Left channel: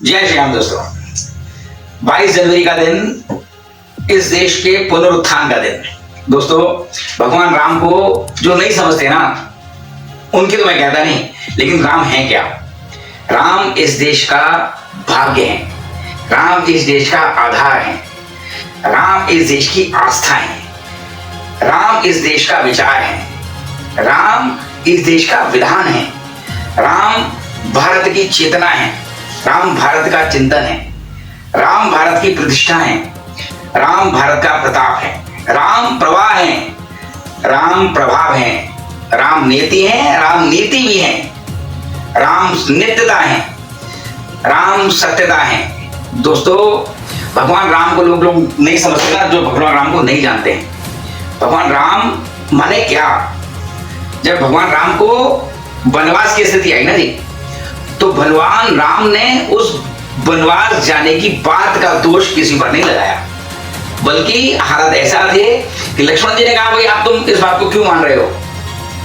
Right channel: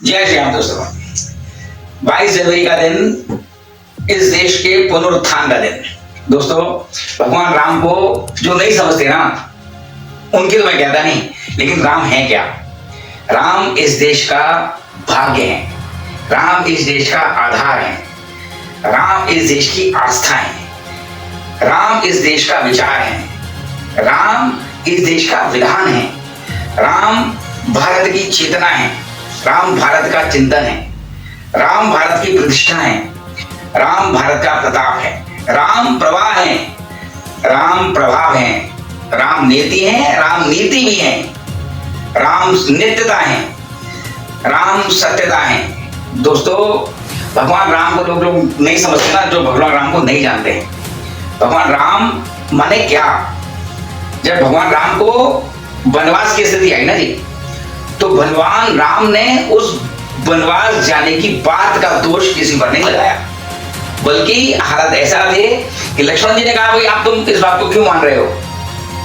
जय श्री राम दोस्तों। 22 जनवरी का दिन इस देश के पुनरुत्थान का दिन। दोस्तों, भगवान राम को जो नहीं समझते ना, उनके तो मैं कहता नहीं, लेकिन राम है क्या? राम इस देश का भाग्य है, राम इस देश का आधार है, राम इस देश की आस्था है, राम इस देश का विचार है, राम इस देश का विधान है, राम भारत की चेतना है, राम भारत का चिंतन है, राम भारत की प्रतिष्ठा है, राम भारत का प्रताप है, राम प्रवाह है, राम प्रभाव है, राम नीति है, राम नीति भी है, राम नित्यता है, राम सत्यता है। दोस्तों, भगवान राम को लोग नहीं समझते ना, जो भगवान राम को नहीं जानते हैं। भगवान राम माने क्या? जब भगवान राम को वनवास की स्थिति आई ना जी, तो भगवान राम ने उस वनवास जाने की बात का दोष किसी पर नहीं लगाया, बल्कि हालत ऐसा थे कि लक्ष्मण जी ने कहा, भाई आप तुम इस बात को क्यों मान रहे हो?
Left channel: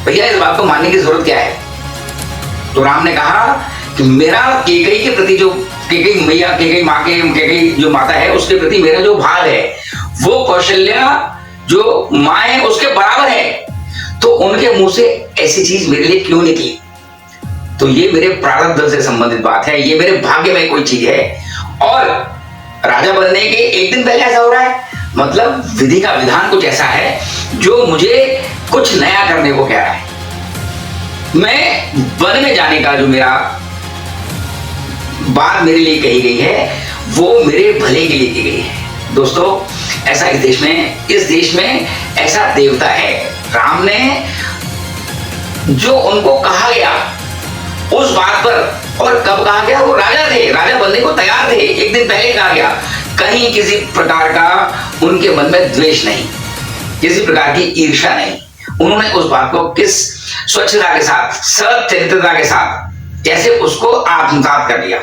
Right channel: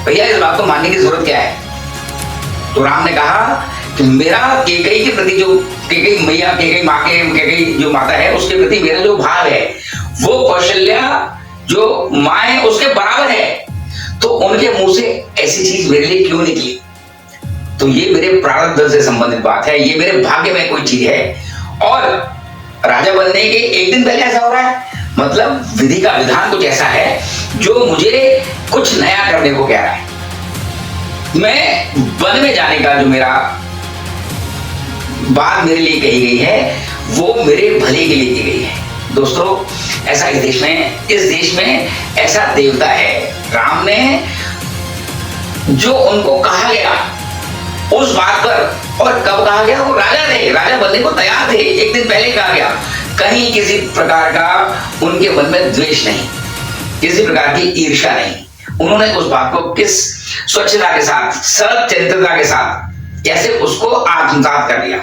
भैया इस बात को मानने की जरूरत क्या है? तो राम ने कहा कि मेरा कैकेयी के प्रति, जो कैकेयी मैया, कैकेयी माँ के, कैकेयी जो माता है उसके प्रति मेरा जो भाव है वो कौशल्या जो माँ है उसके बराबर है। तो उनके मुंह से ऐसी चीज मेरे लिए क्यों निकली? तो ये मेरे प्रारब्ध से संबंधित बात है, ये मेरे भाग्य में कोई चीज है। और राजा बनने के एक दिन पहले ऐसा हो रहा है, मतलब विधि का विधान कुछ ऐसा है जो मुझे कुछ नया करने को कह रहा है। मैं वन में जाने का जो मेरा बात मेरे लिए कही गई है वो मेरे भले के लिए की गई है। दोस्तों, ऐसा इस देश में ऐसा देवता है, राम ने जो उनको कहा गया उस बात पर, और कब कहा गया, वो राजा थे, राजा बनने को तैयार थे, एक दिन पहले कहा गया। कहीं किसी प्रकार का उनके मन में द्वेष नहीं, किसी प्रकार की ईर्ष्या नहीं। उन्होंने उस बात को किस स्वच्छता के साथ, सच्चरित्रता के साथ कैसे उसको आत्मसात कर लिया।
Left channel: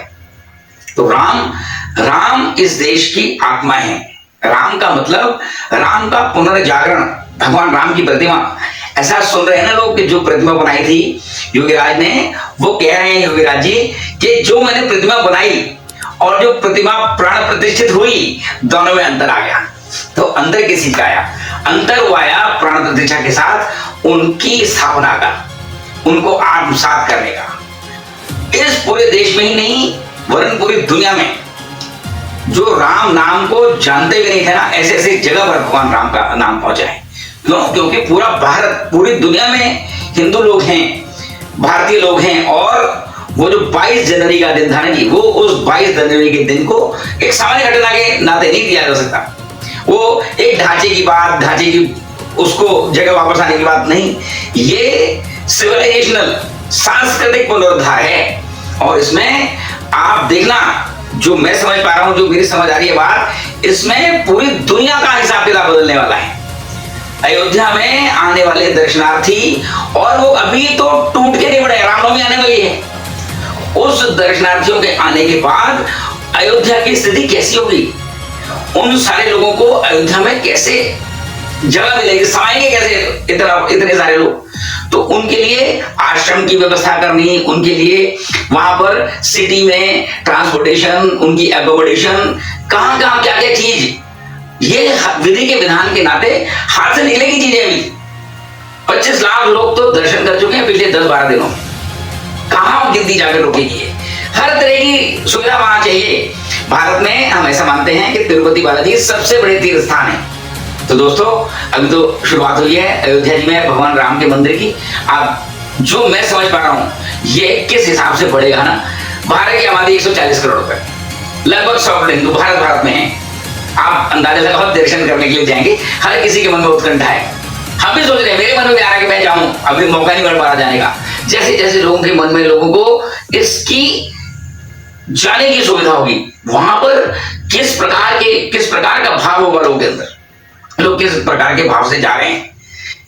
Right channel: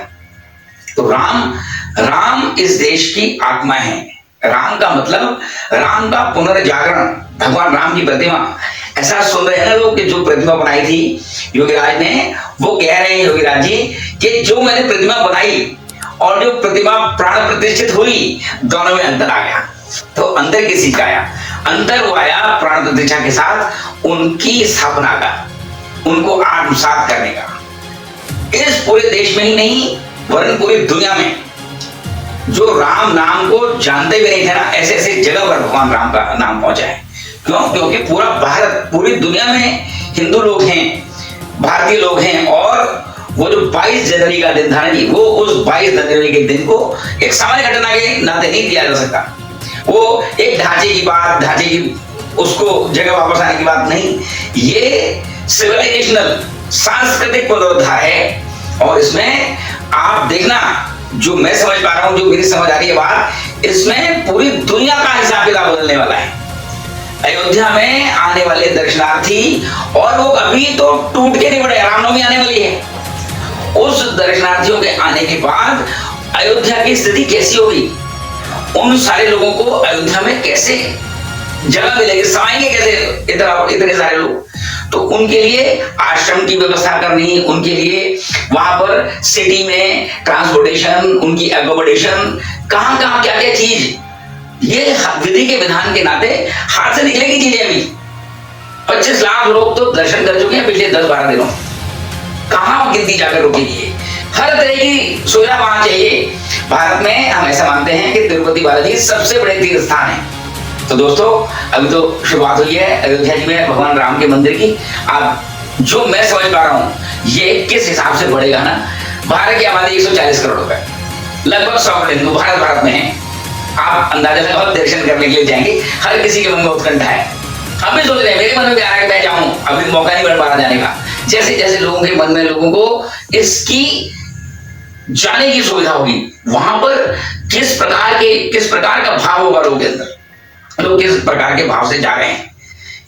तो राम इस देश की आत्मा है। राम का मतलब राम का पुनर्जागरण, भगवान राम की प्रतिमा। ऐसा सुन रहे हैं ना लोग कि जो प्रतिमा बनाई थी योगीराज ने, वो कह रहे हैं योगीराज जी कि जो मैंने प्रतिमा बनाई और जो प्रतिमा प्राण प्रतिष्ठित हुई, दोनों में अंतर आ गया। तो अंतर किस चीज का आया? अंतर वो आया प्राण प्रतिष्ठा के साथ उनकी स्थापना का, उनको आत्मसात करने का। इस पूरे देश में ही नहीं वरन पूरी दुनिया में जो राम नाम को जानते भी नहीं थे ना, ऐसे ऐसे जगह पर भगवान राम का नाम पहुंचा है। क्यों? क्योंकि पूरा भारत, पूरी दुनिया में हिंदू लोग हैं, भारतीय लोग हैं, और वो जो 22 जनवरी का दिन था ना जी, वो उस 22 जनवरी के दिन को एक सामान्य घटना के नाते नहीं दिया जा सकता। वो एक ढांचे की बात, ढांचे की उसको जगह वापस आने की बात नहीं, ये सिविलाइजेशनल सांस्कृतिक पुनरुद्धार है। और इसमें आप देखना, जो मैं समझ पा रहा हूं, जो मेरी समझ आ रही है बात, इसमें पूरी दुनिया का हिसाब किताब बदलने वाला है। अयोध्या में आने वाले दर्शनार्थी, और वो अभी तो टूट के नहीं पड़े, रामनवमी आने वाली है, उस दर्शनार्थियों के आने के बाद अयोध्या की स्थिति कैसी होगी? उन सारे लोगों को अयोध्या में कैसे जगह मिलेगी, समाएंगे कैसे इतने सारे लोग? तो उनके लिए आश्रम की व्यवस्था करनी, उनके लिए वहां पर सिटी में ट्रांसपोर्टेशन, उनकी एकोमोडेशन, कहां कहां क्या क्या चीज, ये विधि के विधान के नाते हाथ से निकलेगी चीजें। अभी 25 लाख लोग तो दर्शन कर चुके हैं पिछले 10-12 दिनों। कहां गिनती जाकर रोकेगी? हर तरह की सुविधा वहां चाहिए। भारत में हम ऐसा मानते हैं कि तिरुपति बालाजी सबसे बड़े तीर्थ स्थान है। तो दोस्तों, अभी तो शुरुआत हुई है अयोध्या जी में भगवान राम के मंदिर की। आप जो मैं समझ पा रहा हूं, ये किस हिसाब से बढ़ेगा ना, भारत की आबादी 140 करोड़ रुपए, लगभग 100 करोड़ हिंदू भारत में है। आप अंदाजा लगाओ, दर्शन करने के लिए जाएंगे, हर किसी के मन में उत्कंठा है। हम भी सोच रहे हैं, मेरे मन में भी आ रहा है कि मैं जाऊं, अभी मौका नहीं मिल पा रहा जाने का। जैसे जैसे लोगों के मन में, लोगों को इसकी जाने की सुविधा होगी, वहां पर किस प्रकार का भाव होगा लोगों के अंदर, लोग किस प्रकार के भाव से जा रहे हैं।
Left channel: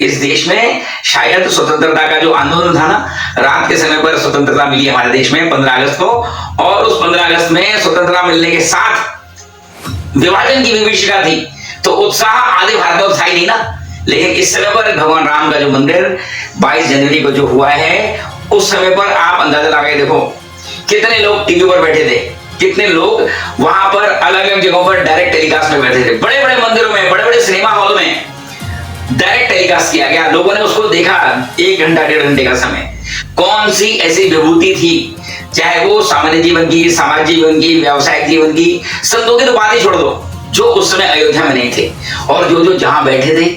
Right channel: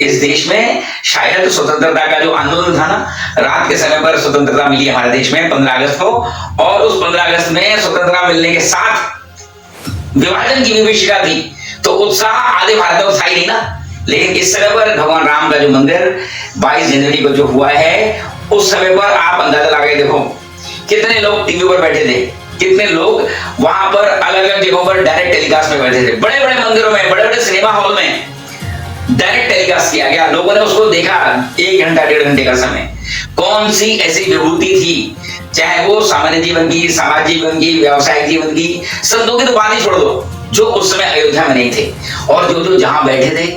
इस देश में शायद स्वतंत्रता का जो आंदोलन था ना, रात के समय पर स्वतंत्रता मिली हमारे देश में 15 अगस्त को, और उस 15 अगस्त में स्वतंत्रता मिलने के साथ विभाजन की विभीषिका थी, तो उत्साह आधे भारत में उत्साही नहीं ना। लेकिन इस समय पर भगवान राम का जो मंदिर 22 जनवरी को जो हुआ है, उस समय पर आप अंदाजा लगा के देखो कितने लोग टीवी पर बैठे थे, कितने लोग वहां पर अलग अलग जगहों पर डायरेक्ट टेलीकास्ट में बैठे थे, बड़े बड़े मंदिरों में, बड़े बड़े सिनेमा हॉल में डायरेक्ट टेलीकास्ट किया गया, लोगों ने उसको देखा 1 घंटा 1.5 घंटे का समय। कौन सी ऐसी विभूति थी, चाहे वो सामान्य जीवन की, समाज जीवन की, व्यावसायिक जीवन की, संतों की तो बात ही छोड़ दो, जो उस समय अयोध्या में नहीं थे और जो जो जहां बैठे थे।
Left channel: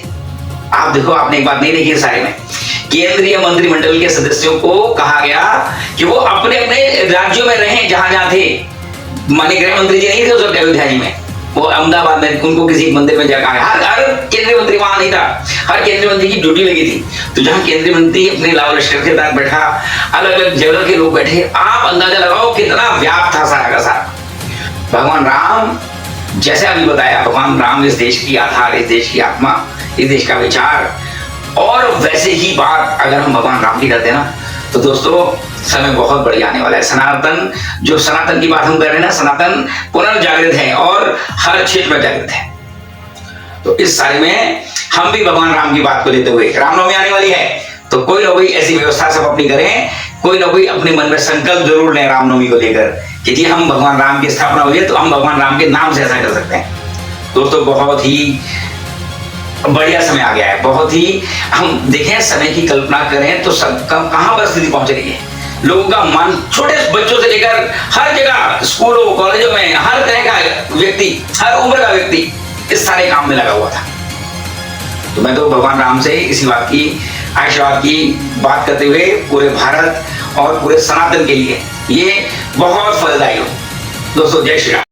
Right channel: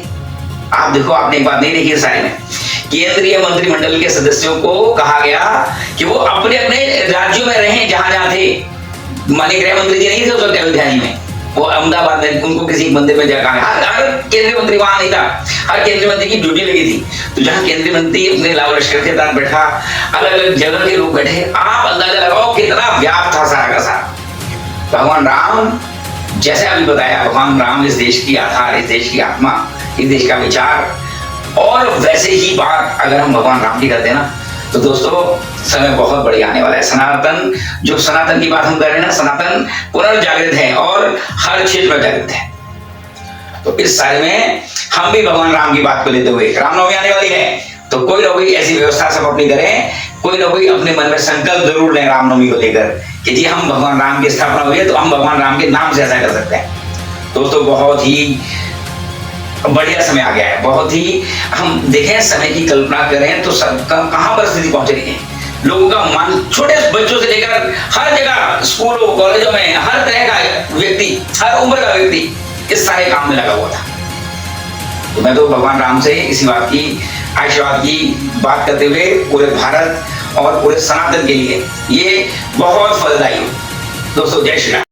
आप देखो, आपने एक बात नहीं देखी सारे में, केंद्रीय मंत्रिमंडल के सदस्यों को कहा गया कि वो अपने अपने राज्यों में रहें जहां जहां थे। माननीय गृह मंत्री जी नहीं थे उस वक्त अयोध्या जी में, वो अहमदाबाद में, उनको किसी मंदिर में जाकर हर केंद्रीय मंत्री वहां नहीं था, हर केंद्रीय मंत्री की ड्यूटी लगी थी। तो जहां केंद्रीय मंत्री अपने लाव लश्कर के साथ बैठा, अलग अलग जगह के लोग बैठे, आप अंदाजा लगाओ कितना व्याप्त था सारा का सारा। भगवान राम, जैसे अभी बताया, भगवान राम इस देश की आधार, इस देश की आत्मा, इस देश का विचार। और वैसे ही बात अगर हम भगवान राम की करते हैं ना, तो दोस्तों समय बहुत बढ़िया आने वाला है। सनातन, जो सनातन की बात हम कर रहे हैं ना, सनातन पुनर्जागृत है और हर क्षेत्र में जागृत है। तो इस साल में हम भी भगवान राम की बात को लेते हुए, रामनवमी आने वाली है, तो कोई ना कोई ऐसी व्यवस्था सब अपनी करें, कोई ना कोई अपने मन में संकल्प जरूर लें रामनवमी को लेकर कि जी हम भगवान राम की स्थापना हुई है तो हम भगवान राम के नाम से ऐसा कर सकते हैं। दोस्तों बहुत ही बढ़िया समय आ गया है, बहुत ही, हम देखें समय की कल्पना करें तो सब कहां पर स्थिति पहुंच रही है। लोगों का मन, छोटे बच्चों से लेकर हर जगह, स्कूलों कॉलेजों में, हर तरह का व्यक्ति, हर उम्र का व्यक्ति इस सारे काम में लगा हुआ था। तो मैं तो भगवान राम से इसी बात की, आशीर्वाद की बात करते हुए पूरे भारत और पूरे सनातन के लिए ये बहुत फलदायी हो। दोस्तों जय श्री राम।